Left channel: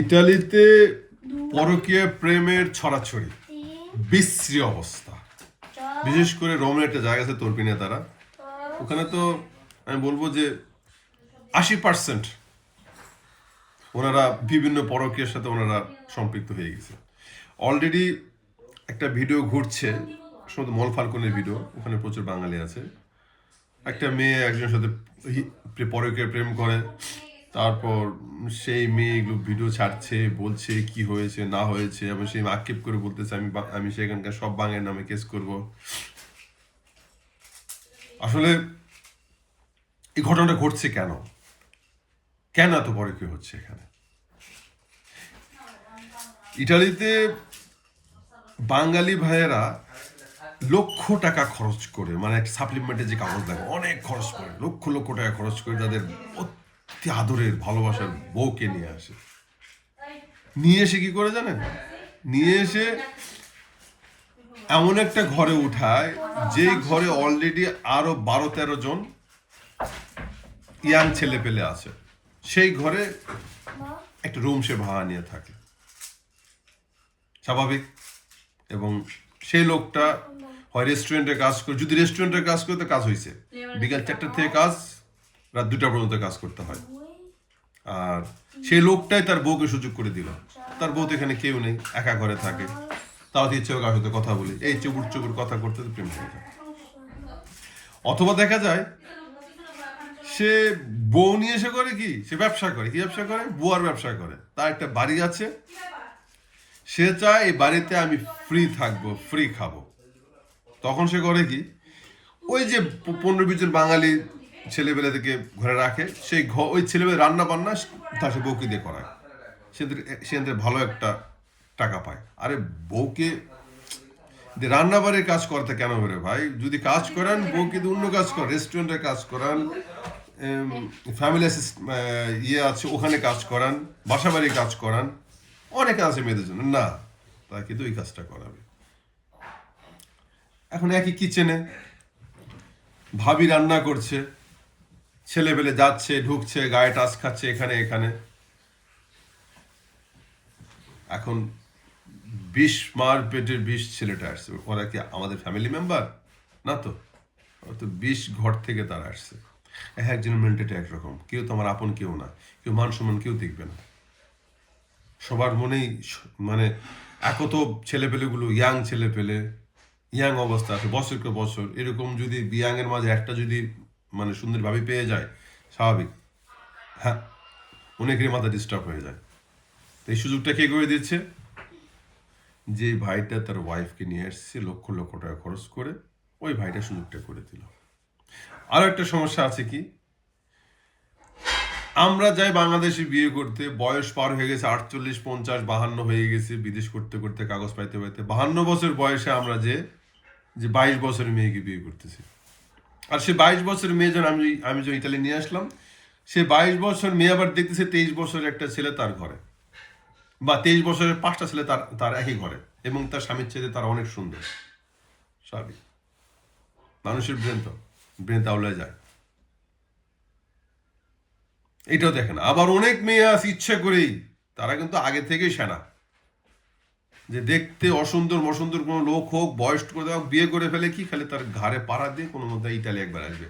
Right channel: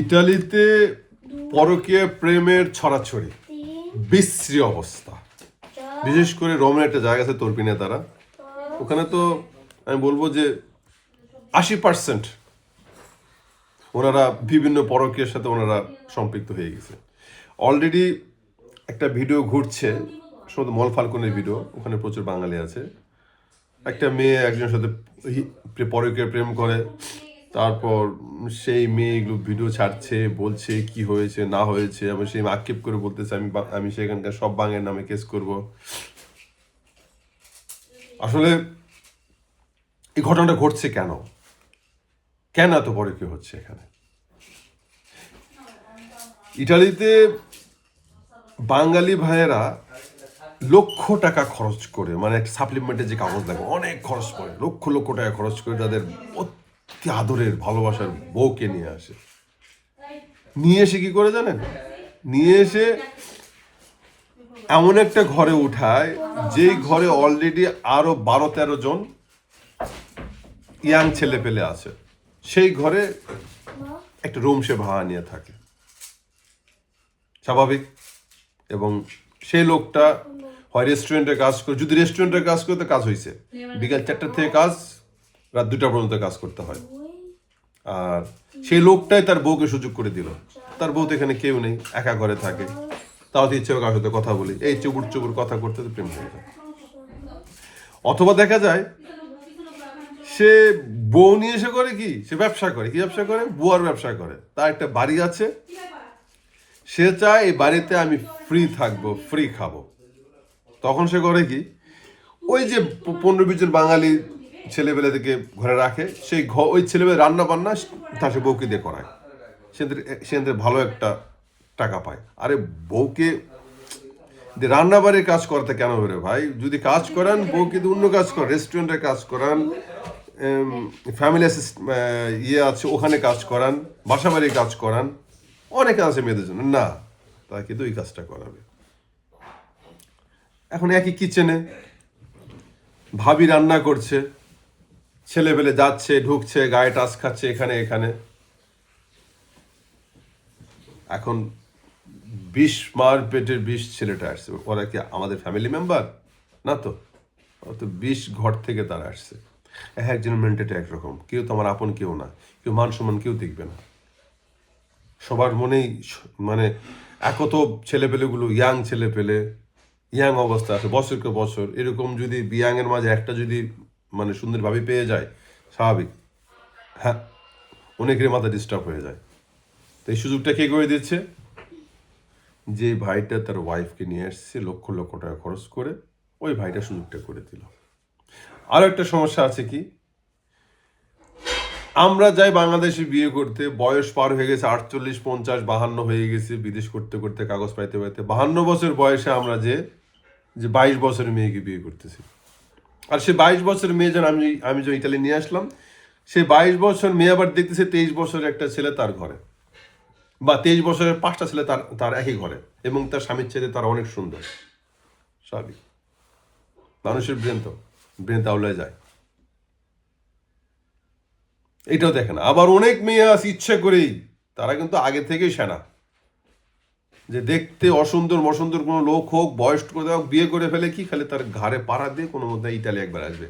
ইতালিতে পরকীয়া প্রেমের ছড়াছড়ি, বিশ্রী অবস্থা। বিশেষ করে রোমের একটা জায়গা আছে তর্পিনে, তারা ওখানে তো আমি বলবো যে 80% ওনারা বিভিন্ন পরকীয়ার সাথে ওনারা সম্পৃক্ত হয়ে গেছে। অলরেডি একটা ভিডিও ঘুরছে, শুধু মল ফাল্কনের ভিডিও, ওখানে প্রচুর বাঙালি আছে। একটা মেয়ে একজনের সাথে পরকীয়া প্রেম করে, তারপর সেই মেয়ে এগুলো ভিডিও ছাড়ছে, বলছে কি হয়েছে না হয়েছে, এবং সেই আক্ষেপ করে বলতেছে আমি সেখানকার সব বাঙালির নামে কেস করব। আসলে এই ঘটনাটা ঘটছে কেন, কেন এত পরকীয়া হচ্ছে এখানে? ইটালিতে বাঙালি ভাইয়েরা লক্ষ টাকা খরচ করে, মানে সাপ্লিমেন্টের যে কাগজ লাগে অনেক খরচ করে, লক্ষ লক্ষ টাকা খরচ করে তাদের অতি আদরের ভালোবাসার বউকে নিয়ে আসে। নিয়ে এসে কি করে জানেন? নিয়ে এসে এমন একটা ঘরে উঠায় যে ঘরে অলরেডি আরো 12-13 জন ইয়াং ছেলে পেলে আছে। সেই ঘরে একটা রুম সে ভাড়া নিয়ে থাকে, স্বাভাবিক। এবং সেই লোকটা হয় রেস্টুরেন্টে কাজ করে, যদি রেস্টুরেন্টে কাজ করতে কাজ হয়েছে বিকাল 4টা থেকে কাজ, রাত 2টা পর্যন্ত কাজ করতে হয়। আর সেই লোকটাই তার বউকে সুযোগ করে দিল। তার বউ তো এখানে কেউ নেই, একা ঘরে থাকে, তাও ইচ্ছে কারোর সাথে কথা বলি, এই চুবুর চুবুর কথা করতে তো প্রেম হয়ে যায়। অথবা দেখা যায় সে বউ নিয়ে এসে করে কি, সে ব্যবসা করে। কি ব্যবসা করে? বুয়ার ব্যবসা করে। তার একটা বাড়ি আছে, সে চায় এই বাড়িতে আমি ফ্রি থাকবো, ফ্রি খাবো। তখন সে করে কি, ওই যে 15-20 জন বাঙালি ছেলেবেলাদেরকে ঘরে রাখে, সেই ওই ছেলেবেলা রান্না বান্না তার সে বউকে দিয়ে করায়, সে ভালো একটা টাকা পায়। আরে বউকে রান্না বাড়ির কাজ করতে কেন বেরো ভাই? যদি কাজ করান বউকে অন্য কাজ করেন, রেস্টুরেন্টে কাজ করান, ফ্যামিলি ইয়ে আছে ওখানে কাজ করান, বাসা বাড়ির কাজ করান, অনেক আছে মেয়েদের জন্য। না, তাকে কিন্তু এই কাজটা করাবে। এখন একই কিচেনে ভাবি রান্না করছে, ছেলেবেলে যাচ্ছে ঢুকছে, গায়ে টাচ খাচ্ছে এখানে এখানে। এখন 20 মার পেটের 20 ছেলেটা আসছে, ওরা কি আমাদের ফ্যামিলি মেম্বার? না তো, ওরা তো 20 ঘর থেকে তারা আসছে। একজনের মেন্টালিটি একরকম, কেউ তো আমার আপন কেউ না, কেউ মান সম্মান কেউ দেখবে না। সবার মনেই মানে একত ছেলেপেলেগুলো, ইয়াং ছেলেপেলে, ইয়াং অবস্থা আছে, বছরকে বছর এরকম যদি ইয়াং এর মাঝে একটা যদি মানে সুন্দর ভাবে পেয়ে যায়, স্বাভাবিক হ্যাঁ অনেকের মাথা ডিস্টার্ব হয়ে যায়। তো এই সুযোগটা কে করে দিচ্ছে? যে ভাইটা তার ওয়াইফকে নিয়ে আসছে লক্ষ লক্ষ টাকা খরচ করে, ওই ভাইটা সুযোগটা করে দিল। আরো একটা সমস্যা আছে কি, আমরা যাই বাংলাদেশে বিয়ে করতে, বয়স পার হয়ে গেছে 48, 50, 52 হয়ে গেছে, বিদেশ করতে করতে কাগজ পাইতে পাইতে 52 বছর বয়সে আমরা যে 22 বছরের মেয়েকে বিয়ে করতেছি। আর সে 22 বছরের মেয়ে যেন আমি যে ইতালি নিয়ে আসলাম, সে 22 বছর মেয়ে আবার দেখতেছে 23 বছরের একটা ছেলে তার ঘরে, বা 23 বছরের 5টা ছেলে তার একই ঘরে, এবং তার স্বামীর ছেলে তারা অনেক সুন্দর। স্বাভাবিক, মানুষের ব্রেন তাওলায় যায়। এটাও দেখে না। আবার অনেক মেয়ে আছে ইচ্ছা করেই, তারা কিন্তু আগে থেকেই সেনা, যে দেখতে অসুন্দর মসুন্দর কোনো লোক হোক, বয়স করে হোক, বিয়ে করে ফেলে কি, খালি তার ঘাড়ে পাড়া দিয়ে কোনো মধ্যে ইতালি একবার আসবে।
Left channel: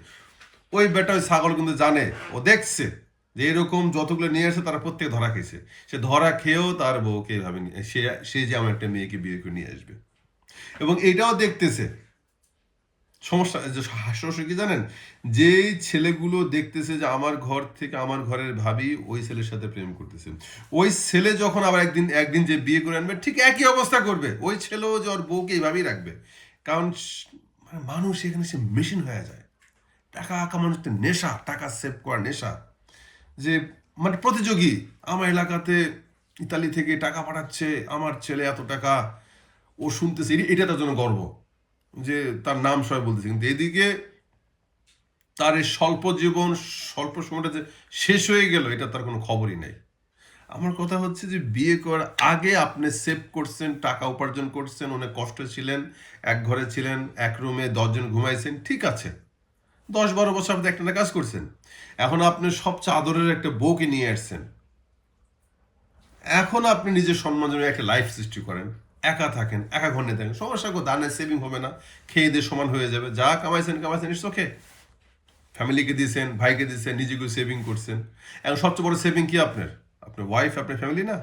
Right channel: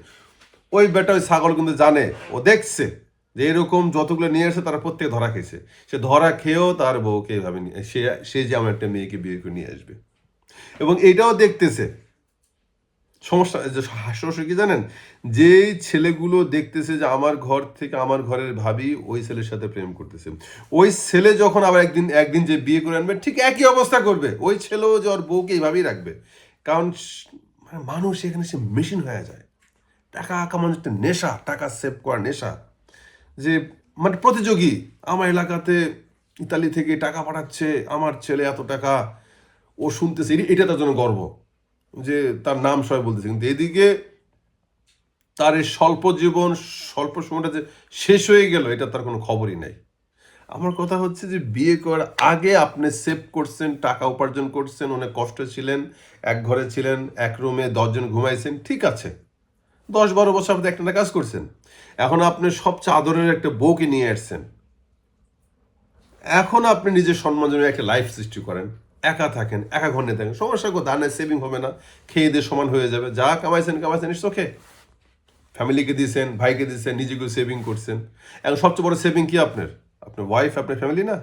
ওই বেটা ওই ছাগল কিন্তু জানে, ও দেখছে যে এরকম যতগুলো নিয়ে আসে তারা প্রত্যেক ধরা খেয়েছে, সে ধরা খেয়েও তার বউকে এভাবে সে যে আমার একটা মেয়েকে বিয়ে করে নিয়ে আসবে। এবং এটাও দেখতেছে। সমস্যা যে হাস্যরস কি জানেন, যেই ছেলেগুলো দেখতেছে যে আমার ঘর থেকে আমার ঘরের ভাবি ওই ছেলের সাথে প্রেম করতেছে, ওই ছেলে যখন আবার একদিন যে বিয়ে করে আনবে, ঠিক একই অবস্থা করবে। ওই ছেলেও যে ওর বউকে এইভাবেই রাখবে। কারণ মানুষ এখানে সে মেশিন হয়ে যায়। টাকা কামানোর একটা নেশা, টাকা সেভ করার নেশা, যে মানে প্রতিযোগী। আমার এলাকাতে ইতালি থেকে টাকা পাঠাচ্ছে, আমার ছেলে এত টাকা, ও শুনতেছে, এটা তার জন্য গর্ব যে তার নাম সবাই বলতেছে। কিন্তু এদিকে তার এই স্বল্প জীবন, স্বল্প সময়টা যে শেষ হয়ে গেল, এটা তার কোনো খবরই নাই। আমার কথা হচ্ছে যে বিয়ে করার আগে আপনি সেভ করছেন, টাকা উপার্জন করছেন, অনেক কষ্ট ছিলেন, এক ঘরে ছিলেন, এক রুমে 10 জন ঘুমাইছেন, ঠিক আছে, 10-12 বছর আপনি একটা কাজ করছেন। এখন আপনি সবচেয়ে আদরের একটা বউকে নিয়ে আসছেন, এখন আপনি নিজের সম্মান জন্য একটা লাইফ সৃষ্টি করেন, একা থাকেন, একা ঘরে থাকেন, সমস্যা কো দানের সেভিং হবে না, খেয়ে দিয়ে সমান হয়ে যাবে, যা কামাইছেন ইটস ওকে। ফ্যামিলিকে দিয়েছেন, ভাইকে দিয়েছেন, নিজেকে সেভিং করছেন। এখন সবচেয়ে বড় সেভিং কি আপনার ওয়াইফ, আপনার ফ্যামিলি না?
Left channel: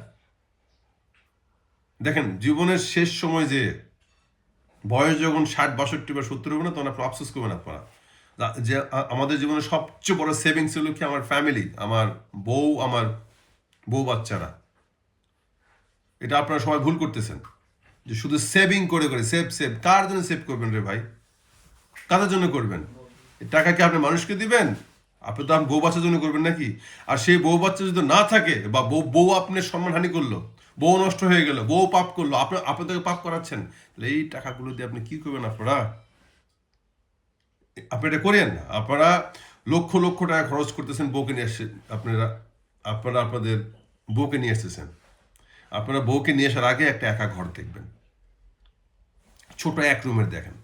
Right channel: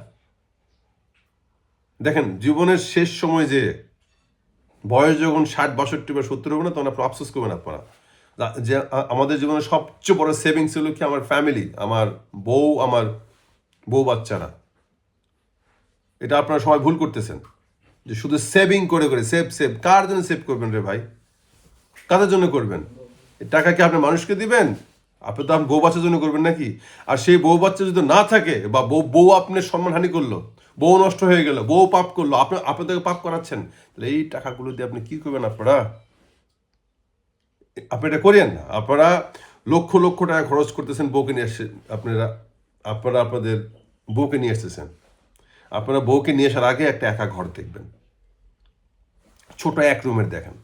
দেখেন জীবনের শেষ সময় যে বয়স যখন 60, 62 বা 70 হবে না, তখন আপনি আফসোস করবেন আপনারা যে আমাদের জীবনে সবচেয়ে বড় সেভিং ছিল কি আমার ফ্যামিলি, আমার বউ বাচ্চারা। এটা আপনারা সবাই ভুল করতেছেন, যে শুধু সেভিং করে সেভ। কার জন্য সেভ করবেন রে ভাই? কাদের জন্য করবেন? টাকা কি আপনি মানুষকে দিবেন? আপনি তো বউ বাচ্চার জন্য করবেন নাকি? আর সেই বউ বাচ্চা যদি না থাকে, বা বউ আপনার সম্মানহানি করলো, বউ নষ্ট হয়ে গেল, বউ পাপ করলো, আপনি তাকে পাপ করাচ্ছেন, তাহলে এই টাকাগুলো দিয়ে আপনি কি করবেন? আপনি এটা করেন না। আপনারা লক্ষ লক্ষ টাকা খরচ করতেছেন বউকে নিয়ে এসে, আপনারা আপনাদের বউকে নিয়ে এসেছেন। আপনারা বউকে নিয়ে আসার আগে একটা একা ঘর দেখবেন, ছোট এক রুমের দেখেন,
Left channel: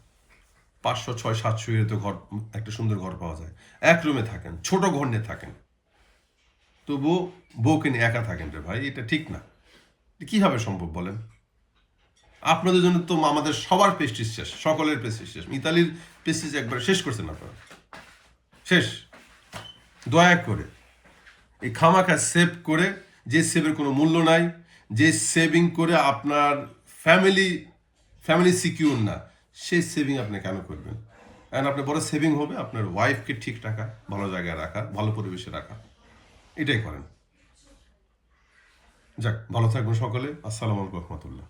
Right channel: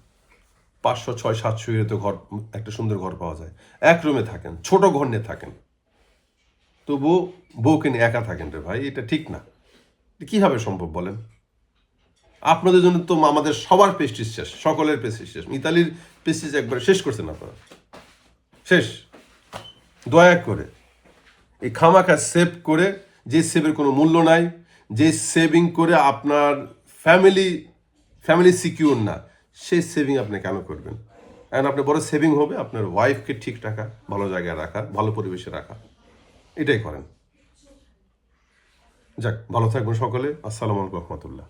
500, 600, 700 তো ঘর, একটা সুন্দর ঘর পাওয়া যায়। এক রুমে থাকেন, ছোট ঘর নিয়ে থাকেন, তবু বউকে নিয়ে একা থাকেন রে ভাই, এটা ঠিক না। কিভাবে সম্ভব বলেন? আপনাদের জন্য তো আমাদের সবার পেস্টিজ শেষ, সকলের পেস্টিজ শেষ। ইতালির পেস্টিজ একবারে শেষ করছেন আপনারা, শেষ। দয়া করে এই খামাখা সেভ করে, যে সেভের কোনো মূল্য নাই, যে সেভিং করে আপনার ফ্যামিলি সিকিউর না, সেই সেভিং আপনি কেন করবেন? কারণ আপনার বড় সেভিং হবে আপনার ওয়াইফকে ঠিক রাখা, ভালো জায়গায় রাখা, ভালো পরিবেশে রাখা। এটাই করেন। যাক, ভালো থাকবেন সকলে। আসসালামু আলাইকুম রহমতুল্লাহ।